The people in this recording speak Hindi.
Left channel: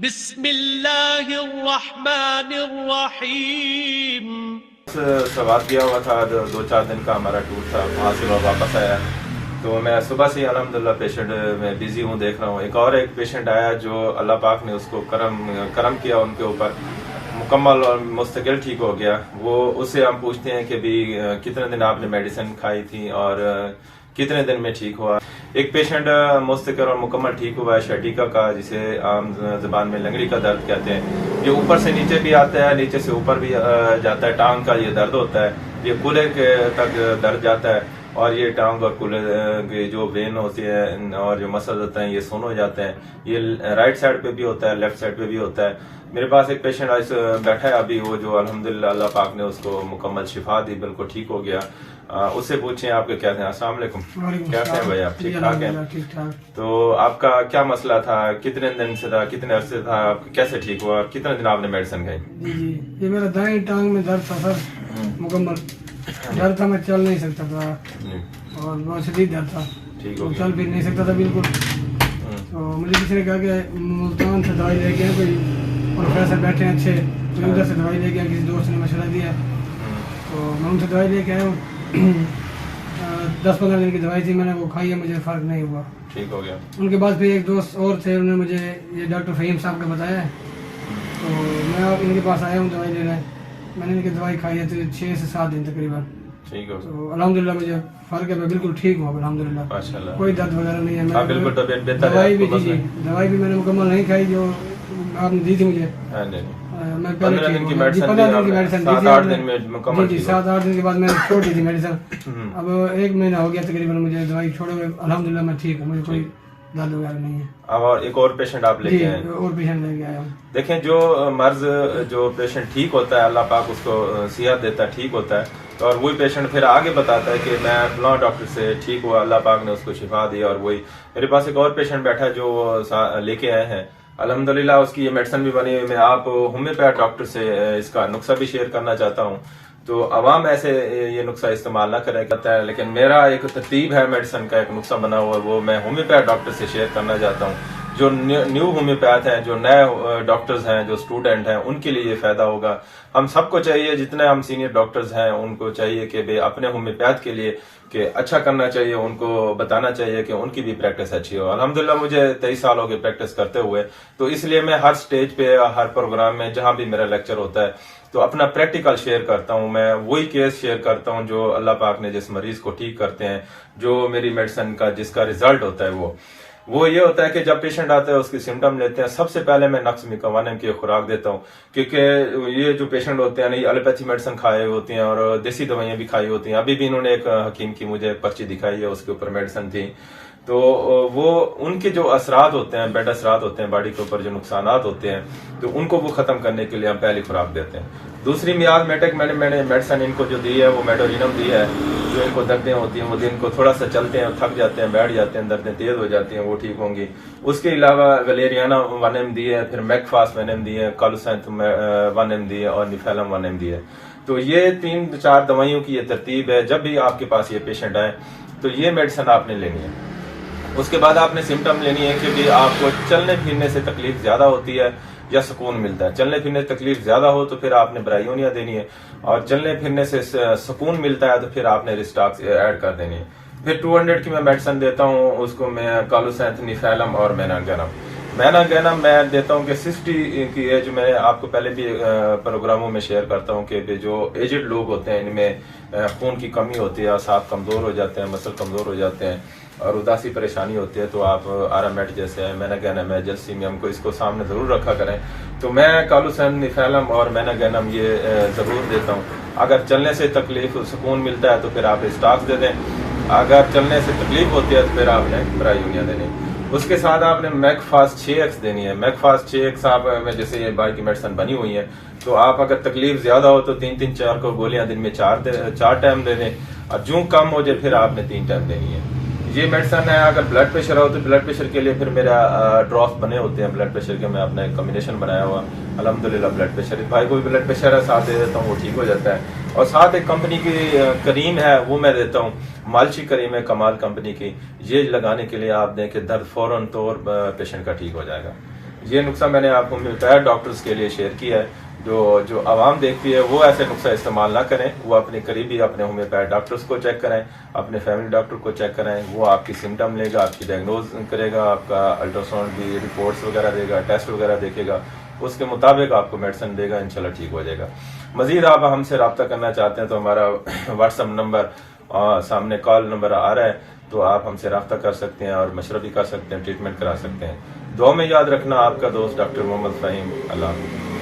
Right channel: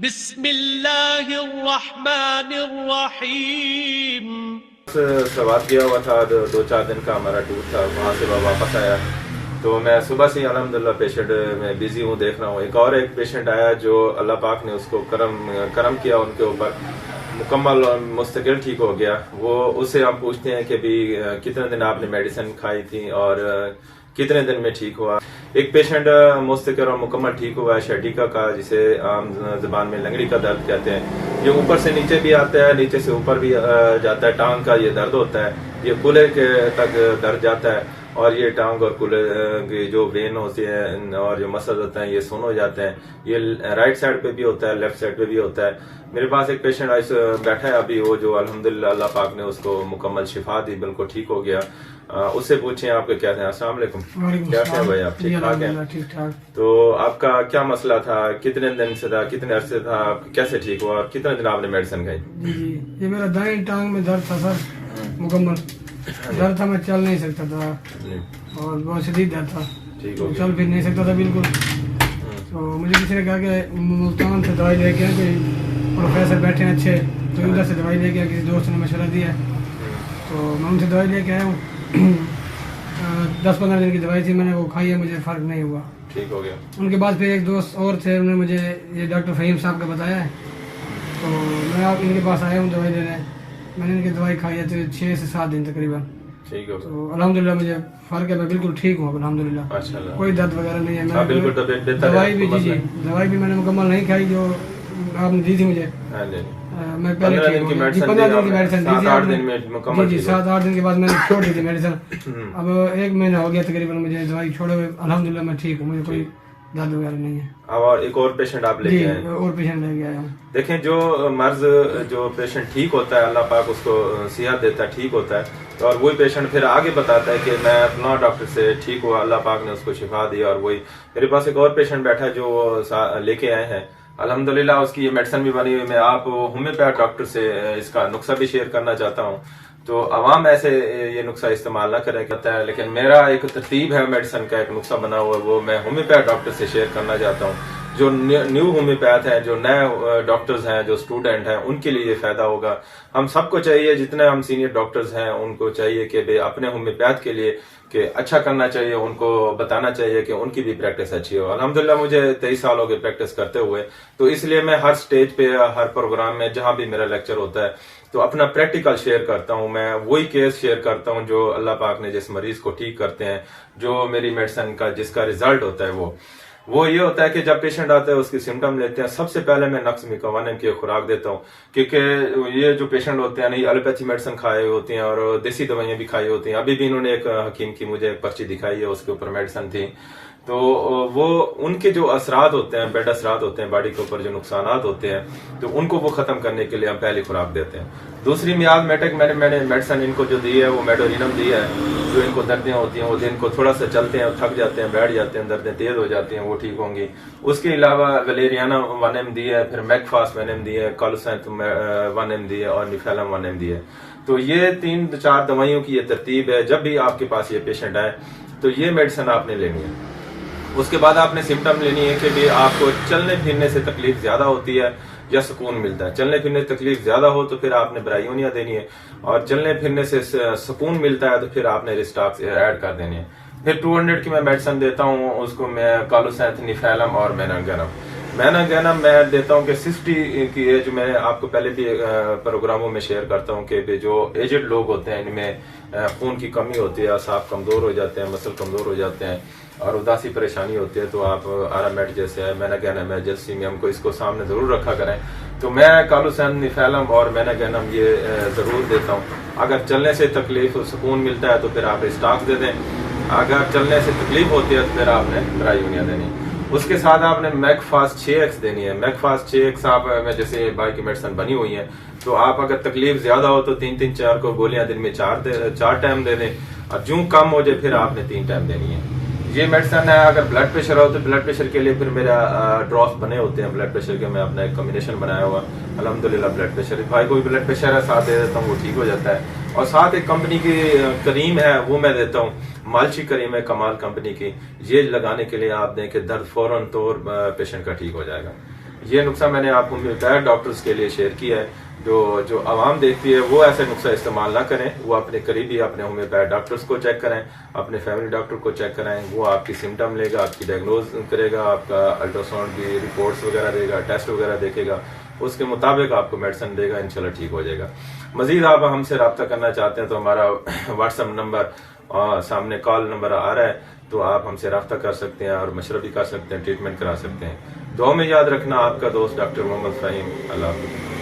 बिस्मिल्लाहिर्रहमानिर्रहीम। सवाल किया हुआ था, 2-4 दिन का हमारा टूर था, वहाँ से मैं वापस आया। तो मैं सुबह से अल्हम्दुलिल्लाह पेशेंट में बिजी हूँ, देख रहा हूँ। एक पेशेंट आया जो अल्लाह पाक ने उसको करम किया उनके ऊपर, मुकम्मल और मुस्तकिल ठीक हो गया। वो उससे हम पूछते हैं कि भी कितने दिन आपने मेडिसिन खाई थी और कितने दिन में ठीक हुआ। एक पेशेंट मुस्तकिल और मुकम्मल ठीक हुआ है शर्टिका का, जिसे आम जबान में लंगड़ी का दर्द कहते हैं। ये ऊपर से नीचे भी आता है, नीचे से ऊपर भी जाता है। टांग का ये दर्द होता है, ये कूल्हे तक दर्द जाता है और ये टांग और कूल्हे के जो वेन होते हैं और जो मसल होते हैं ये सुन हो जाते हैं। ये राइट साइड पे भी होता है, लेफ्ट साइड पे भी होता है। मेरे पास एक पेशेंट आज बैठा है अभी, वो जो अल्हम्दुलिल्लाह अल्लाह पाक ने उसको मुकम्मल शिफा दी, बिल्कुल ठीक हो गया। उससे पूछे आपके क्या थे। अस्सलाम वालेकुम, कैसे हैं भाई आप? ठीक ठाक हैं? ठीक ठाक। तो आपका क्या मसला था, कितने दिन से था, कितने अरसे था, कैसे ठीक हुआ, कितने दिन आपने मेडिसिन खाई? जी, ये मेरा दाएं टांग में दर्द था सर, मुकम्मल दर्द था, मैं चल नहीं सकता था और बहुत शदीद दर्द था, ठीक हो चल फिर नहीं सकता था बिल्कुल। तो मुझे किसी ने कहा कि मुल्तान से दवाई लेके आए, कोई प्रोफेसर बैठे हैं अच्छे, तो उधर से दवाई लेके आए, किसी दोस्त ने मशवरा दिया। तो मैं उनसे दवाई लेके आया हूँ। 10-15 दिन की दवाई थी, मैंने वो खाई है, मुझे फर्क नहीं हुआ, ठीक हो गया। उनके बाद फिर एक दोस्त और थे, उन्होंने मुझे ये डॉक्टर फहीम साहब का बताया है, तो मैं आप इनके पास आया हूँ दवाई लेने। मैंने इनकी दवाई खाई है तो 6 से 7 दिन तकरीबन, ठीक हो। तो अल्हम्दुलिल्लाह मुझे फर्क है, मैं बिल्कुल ठीक हूँ अल्हम्दुलिल्लाह, माशाल्लाह, कोई दर्द वगैरह नहीं है। मैं बिल्कुल तबीयत बेहतर है। दवाई भी मैंने मुकम्मल नहीं खाई जो आपने दी थी मुझे। मैं 15 दिन की मेडिसिन 7-8 दिन में मुकम्मल जी 7-8 दिन के बाद मैंने छोड़ दी थी मेडिसिन। अब 1 महीना हो गया तकरीबन मुझे दवाई छोड़े हुए, अल्हम्दुलिल्लाह मैं ठीक हूँ, मुझे कोई दर्द वगैरह नहीं है। अब और एक और पेशेंट आप लेके आए? और पेशेंट लेके आया हूँ। देखें, जो मर्ज जो पेशेंट ठीक होता है अल्लाह पाक उसको सेहत देता है, ठीक होता है, तो और वही पेशेंट फिर आगे बताता है कि मैं फलां डॉक्टर से ठीक हुआ, अल्लाह पाक ने उसको शिफा दी। और वही मेरे पास एक और पेशेंट बैठा है जो लेके आए हैं, अल्हम्दुलिल्लाह उसकी ये मेडिसिन भी बनी हुई। मैं आप होम्योपैथ डॉक्टर से इसका नुस्खा भी शेयर करना चाहता हूँ, तो अवाम ऐसे ये नुस्खा इस्तेमाल ना करें कहता है, लेकिन मेरा एक तरतीब है मेडिसिन का, एक नुस्खा बना हुआ, वो मैं होम्योपैथ डॉक्टर से शेयर करना चाहता हूँ। जो न्यू होम्योपैथ हैं, जो नए डॉक्टर्स हैं, जो स्टूडेंट हैं, उनके लिए ये फायदा होगा। हम सबको चाहिए, जितने हम सीनियर डॉक्टर्स हैं उनको चाहिए कि भाई अपने होम्योपैथ के लिए कि अच्छा करना चाहिए, उनको बताना चाहिए कि उनकी भी प्रैक्टिस अच्छी हो। अल्हम्दुलिल्लाह मुझे 23 साल हो गए प्रैक्टिस करते हुए, तो इसलिए मैं हर स्टेज पे, हर प्रोग्राम में, जहां भी मेरा लेक्चर होता है, तो अपना प्रैक्टिकल शेयर करता हूं। मैं वही केस शेयर करता हूं जो अल्लाह पाक ने जिस मरीज को ठीक करते हैं, जो मेरी मेडिसिन का जिसका रिजल्ट होता है वो ये होता है कि जब पेशेंट आता है उसकी सिम्टम लेते हैं, सबसे पहले मैं नक्स मिकावानिम की खुराक देता हूँ, क्योंकि ये जो पेशेंट होते हैं नहीं एलोपैथी मेडिसिन खाए होती हैं और देसी दवाइयां भी खाई होती हैं। अभी भी इन्होंने एक हकीम की मुझे पर्ची दिखाई है, उसके ऊपर मेडिसिन थी। तो वो उनके जो असरात होते हैं, बेड असरात होते हैं, बॉडी के ऊपर जो नुकसान होते हैं, तो उनको वो खत्म करने के लिए हम पहली खुराक देते हैं। दूसरी मियाद मेटेक मैंने मेडिसिन इनको जो दी है वो मेडोलिनम दी है। जो इनको दर्दें होती हैं, वो दिन को थोड़ा सा चलते हैं, थक जाते हैं, बैठ जाते हैं, दर्दें तेज हो जाती हैं, वो ठीक होंगी। उसके अलावा वलेरियाना 1 mg दी है, फिर मैकफास्ट 1 mg दी है, कालोसेंथ 1 mg दी है और निफेलम 1 mg दी है। तो ये 3-4 दवाइयों की ये तरतीब है। जब भी आपके पास ये पेशेंट आए तो ये मेडिसिन आपने लेनी है। उसके बाद आपने सिम्टम लेनी है कि भी आपको चलने फिरने से तकलीफ ज्यादा होती है या सुकून मिलता है। चलने फिरने से तकलीफ ज्यादा हो तो फिर आपने ब्रायोनिया देनी है, और चलने फिरने से सुकून मिलता है तो फिर आपने रिस्टॉक्स ऐड कर देनी है। फिर 200 की मैं मेडिसिन देता हूँ, उसको मैं कालोसेंथ, निफेलम और मैनागेनम मैं देता हूँ कि 60 की एज में, आपको पहले भी प्रोग्रामों में शेयर करता हूँ कि जो एजेड लोग होते हैं इनमें खून की कमी होती है, असाब कमजोर हो जाते हैं, मसल कमजोर हो जाते हैं और उदासी परेशानी होती है, तो आप आरामेट जैसे है, मैनागेनम है, जैल्सीमियम को इसको सामने जरूर रखा करें। तो मैं कालोसेंथ, निफेलम और मैनागेनम ये जरूर देता हूँ। अगर चलने से तकलीफ सुकून मिलता है तो फिर आप स्टॉक्स दे दें, अगर चलने से तकलीफ होती है तो फिर आपने ब्रायोनिया देनी। उसके साथ आपने मैकफास्ट 6x देनी है। मैकफास्ट 6x आप में जैसे बाई की मेडिसिन बनी हुई है, तो आप अगर तकलीफ ज्यादा हो तो 3-4 को गोलियां दिन में 4 टाइम दे दें, और जो कम हो जाए फिर आपने 3 टाइम देनी है। ये मेडिसिन है। अगर ब्लड प्रेशर हो तो ब्लड प्रेशर के लिए फिर मेरा ड्रॉप्स बने होते हैं ब्लड प्रेशर के, मैं अपना एक कॉम्बिनेशन बनाया हुआ। अल्हम्दुलिल्लाह ब्लड प्रेशर भाई कोई ब्लड प्रेशर है साथ दे देता हूँ, वो ठीक हो जाता है। और साथ एक कंपनी की करीम है वो मैं देता हूँ, मालची करीम है कमाल कंपनी की। ये लगाने के लिए आप दें कि दर्द फौरन तौर पेशेंट का ठीक हो जाएगा। ये नुस्खा मैंने आपको रिटायर्ड डॉक्टर्स के लिए शेयर किया है। जो आवाम देखती है वो ऐसे नुस्खा इस्तेमाल ना करें, वो अपने करीबी अपने होम्योपैथ डॉक्टर्स को चेक कराएं, अपने फैमिली डॉक्टर को चेक कराएं। वो आपकी सिम्टम लेगा, आपकी डायग्नोज करेगा, आपका अल्ट्रासाउंड की रिपोर्ट्स वगैरह देगा, टेस्ट वगैरह देखेगा, उसके मुताबिक आपको मेडिसिन देगा, इंशाल्लाह ठीक हो जाएगा। मजीद आप हमसे रब्ता करना चाहते हैं तो हमारा व्हाट्सएप नंबर सामने कॉल नंबर आ रहा है, तो आप हमसे रब्ता कर सकते हैं और मशवरा भी कर सकते हैं, ट्रीटमेंट करा सकते हैं। दुआ में याद रखना, आपका दोस्त डॉक्टर मोहम्मद फ़हीम। अल्लाह हाफ़िज़।